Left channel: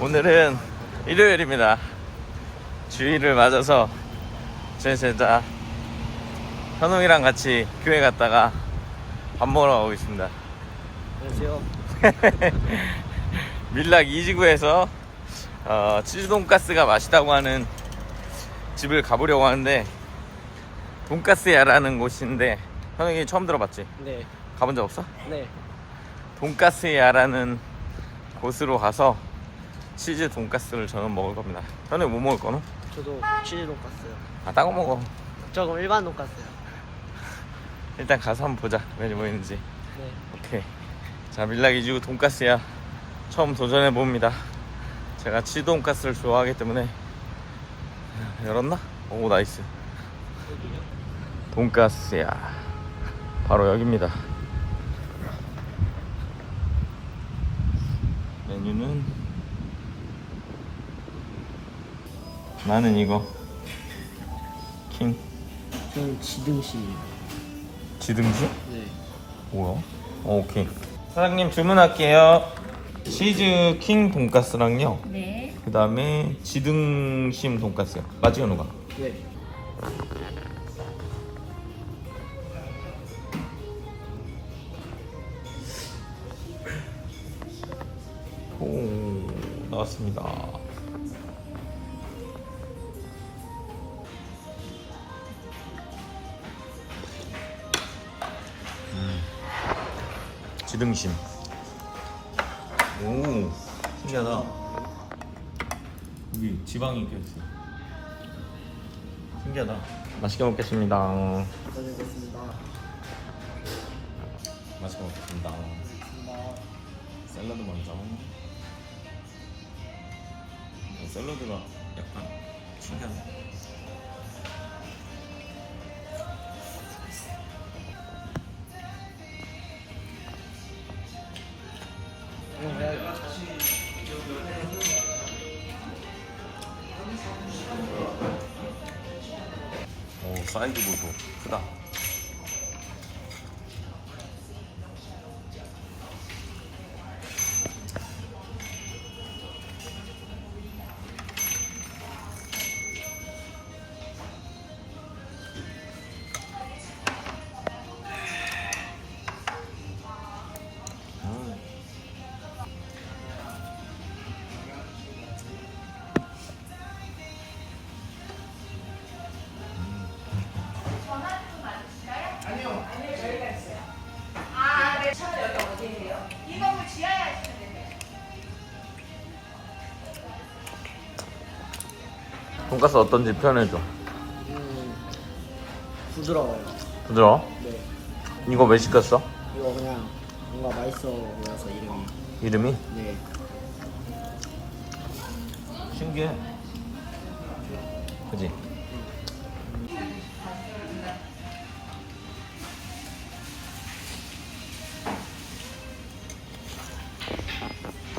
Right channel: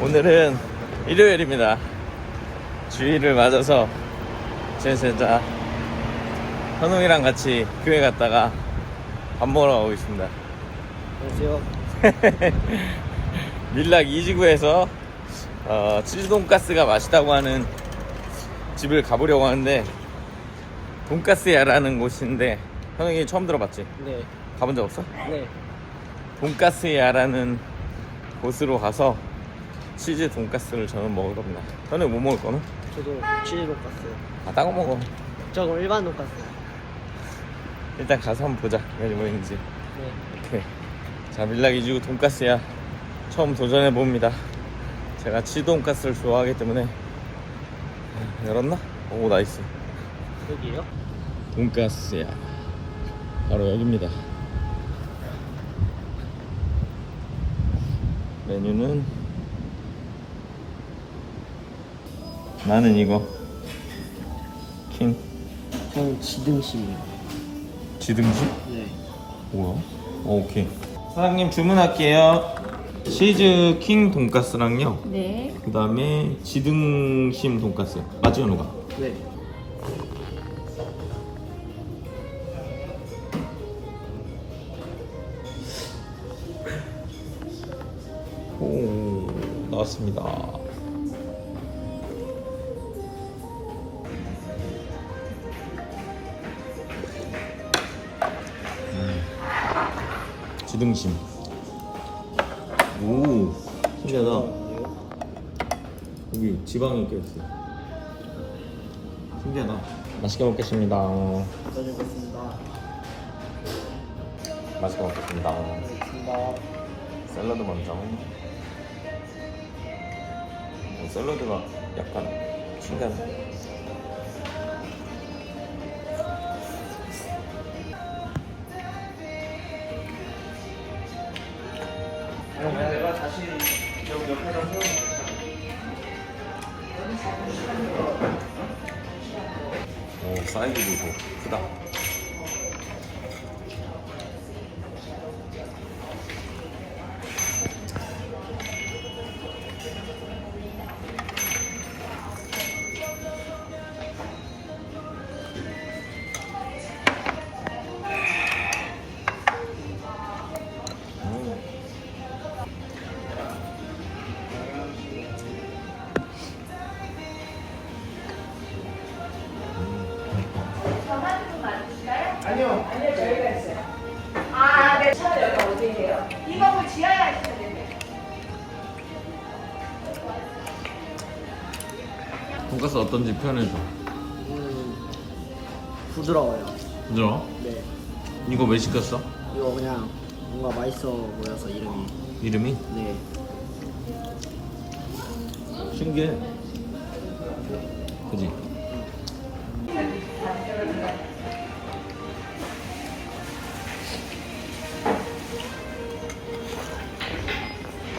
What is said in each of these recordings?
오늘은 일요일입니다. 주일을 맞아서 제 진짜 현웅이랑 같이 교회 갔다가 밥 먹으러 가고 있습니다. 안녕하세요. 밀락 이지구에서 어, 치즈 돈가스가 맛있다고 하는 집을 가보려고 하는데 돈가스야라는 곳인데 현웅이 처음 들어봤지? 네. 가본 적 없어? 네. 돈가스야라는 곳으로 가서 치즈 돈가스를 저는 먹을 겁니다. 현웅이 뭐 먹을 거는? 저도 치즈 돈까스요. 아, 딴거 먹어. 저 그럼 일반 돈까스요. 일단 가서 한번 보자. 메뉴 뭐 있는지. 네. 오케이. 자, 밀락 이지구 돈가스야. 처음 도전해 봅니다. 제가 치즈 돈가스를 좋아하기 때문에 열었나? 오, 나이스. 여기요? 돈가스야. 바로 여기입니다. 메뉴는 나는 이거 킹 저는 지등심. 지등심? 네. 뭐야? 어, 오케이. 사장님 주문할게요. 치즈 킹 돈가스랑요. 네. 그 다음에 지등심 돈가스. 맞지, 누가? 네. 오, 나왔습니다. 지등심. 오, 신기하다. 여기 지방이 껴있어. 신기하다. 맛있게 먹겠습니다. 다녀오겠습니다. 맛있게 먹겠습니다. 샐러드 먼저. 어, 샐러드가 약간 신기하네. 오, 사이즈 보소. 크다. 아, 네. 차 여기 어디예요? 이 건물 지하에 되네. 돈가스 어떤지 표현해줘. 음, 부드러워요. 부드러워? 네. 이거 왜 시켰어? 이거 그냥 뭔가 맛있어 보여서 이름이. 이름이? 네. 신기해. 그지?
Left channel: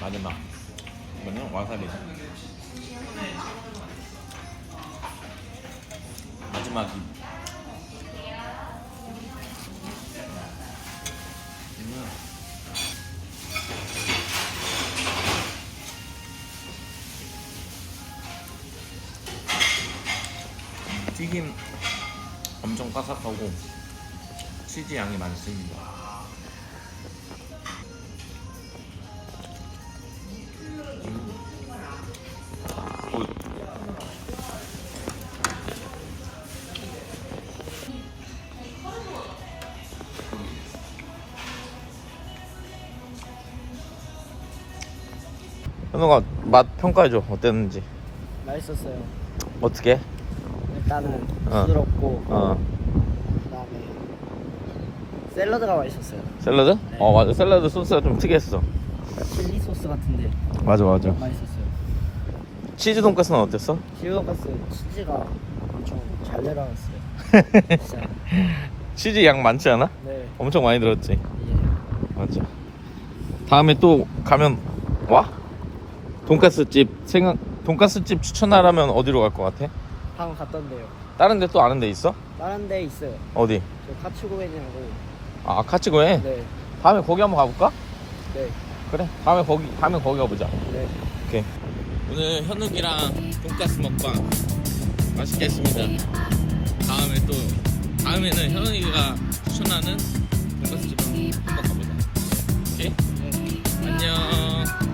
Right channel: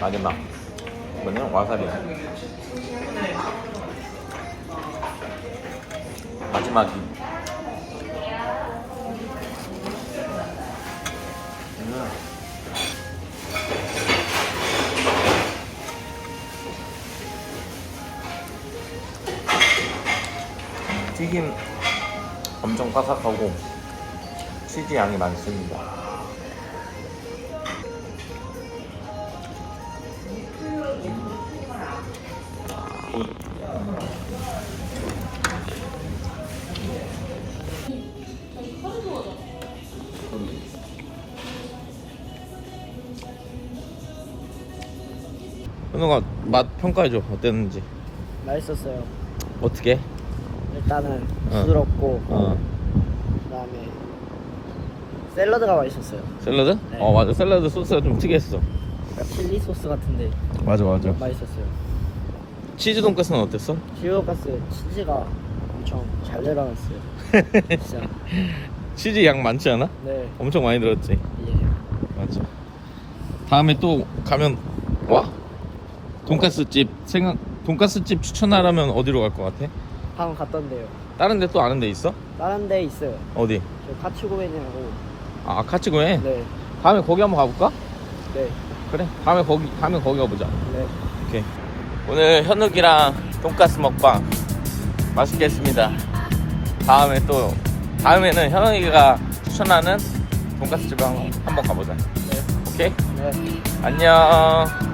마지막. 이거는 와사비. 마지막이. 튀김 엄청 바삭하고 치즈 양이 많습니다. 굿. 현우가 맛 평가해줘 어땠는지 맛있었어요. 어떻게? 일단은 어. 부드럽고 어 그다음에 샐러드가 맛있었어요. 샐러드? 네. 어 맞아 샐러드 소스가 좀 특이했어 약간 칠리 소스 같은데 맞아 맞아 맛있었어요. 치즈 돈까스는 어땠어? 지오가스 치즈가 엄청 잘 들어갔어요. 진짜. 치즈 양 많지 않아? 네. 엄청 많이 들었지 예. 맞아 다음에 또 가면 와? 돈까스 집 생각 돈까스 집 추천하라면 어디로 갈 것 같아? 방금 갔던데요. 다른 데 또 아는 데 있어? 다른 데 있어요. 어디? 저 카츠고벤이라고. 아 카치고에? 네. 다음에 거기 한번 가볼까? 네. 그래 다음에 거기 다음에 거기 가보자 네. 오케이 오늘 현욱이랑 돈까스 먹방 맛있게 했습니다 다음에 또 다음에는 현욱이가 추천하는 돈까스 집을 한번, 가보자 오케이 네. 안녕